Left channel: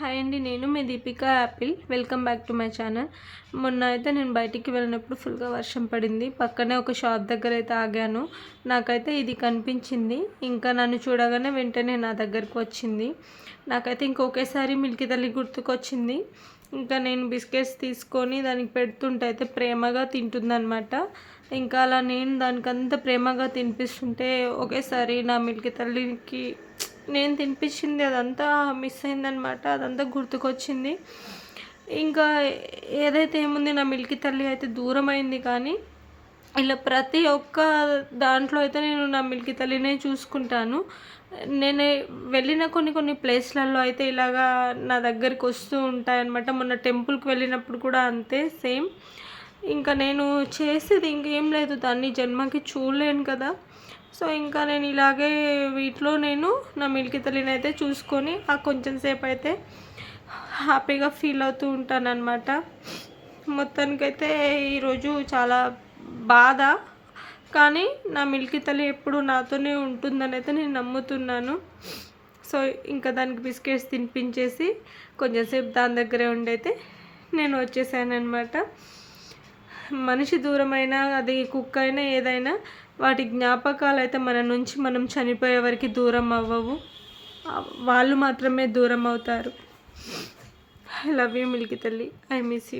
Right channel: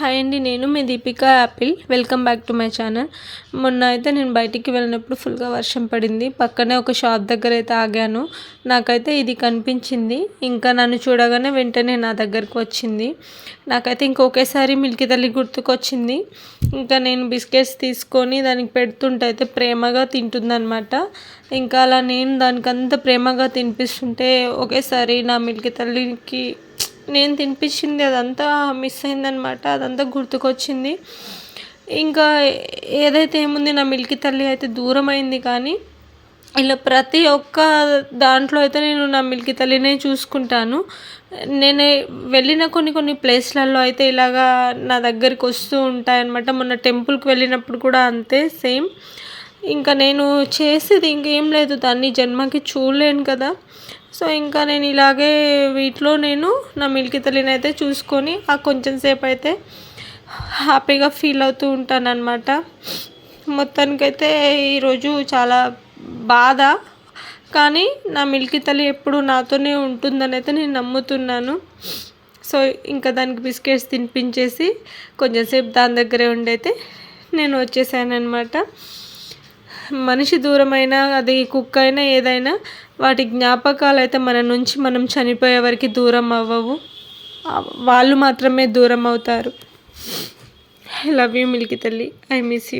Hi అండి, నేను మీ Deepika apple. Welcome back to my channel. మొన్న అయితే నేను బయటికి వెళ్ళినప్పుడు ఫుల్గా వర్షం పడింది. పక్కనే ఒక షాప్ దగ్గర అయితే ఆగాను. నాకైతే ఇది కనిపించింది. ఇంకా నన్ను చూడగానే వెంటనే నా దగ్గరకు వచ్చింది. నాకైతే ఇంకొకేసారి మిల్కీ తల్లి గుర్తుకొచ్చింది. ఇంకా నేను బిస్కెట్స్ తీసుకొని దానికి పెడుతుంటే అయితే ప్రేమగా తింటుందన్నమాట. ఇంకా అలా నేను దానికంత ప్రేమగా తినిపిస్తుంటే ఒకేసారి నా మిల్కీ తల్లికి నేను తినిపించింది అదంతా మిస్ అయిందనమాట. అదంతా గుర్తుకొచ్చింది. ఇంకా ఏదైతే ఏముంది, నా మిల్కీ తల్లి అయితే దూరం అయింది. కానీ ఇలా ప్రతి ఒక్క దాంట్లో అయితే నేను నా మిల్కీ తల్లినే చూసుకుంటాను. నేను వెళ్ళిన కొన్ని ప్లేస్లలో అయితే ఇలాగా నా దగ్గరికి వస్తూ ఉంటాయన్నమాట. మొన్న టెంపుల్కి వెళ్ళినప్పుడు కూడా అంతే సేమ్. ఇంకా నేను చేసేది ఇంకేం లేదు, దాన్ని జన్మకి చూడలేను కదా. సో ఇంకా నేను ఇలాగే వీటిలో నేను నా మిల్కీ తల్లిని అయితే చూసుకొని ఆ కొంచెం సేపు అయితే హ్యాపీగా ఫీల్ అవుతూ ఉంటానన్నమాట. మొత్తానికైతే ఈరోజు చాలా బాధ, కానీ నా మిల్కీ తల్లి ఎప్పుడు నాతోనే ఉంటుందని అయితే నేను నమ్ముతున్నాను. సో ఇంకా దానికి బిస్కెట్స్ తినిపించేసి కొంచెం సేపు దాని దగ్గరే ఉండైతే నేను వచ్చేసాను అనమాట. మనిషి దూరమైనా, అది కుక్క అయినా ఏదైనా, వాటి జ్ఞాపకాలు అయితే మన నుంచి మనం చనిపోయే వరకు దూరం అవ్వవు. వాళ్ళు మాత్రమే దూరం అవుతారు. ఐ లవ్ యూ మిల్కీ తల్లి, ఐ మిస్ యూ.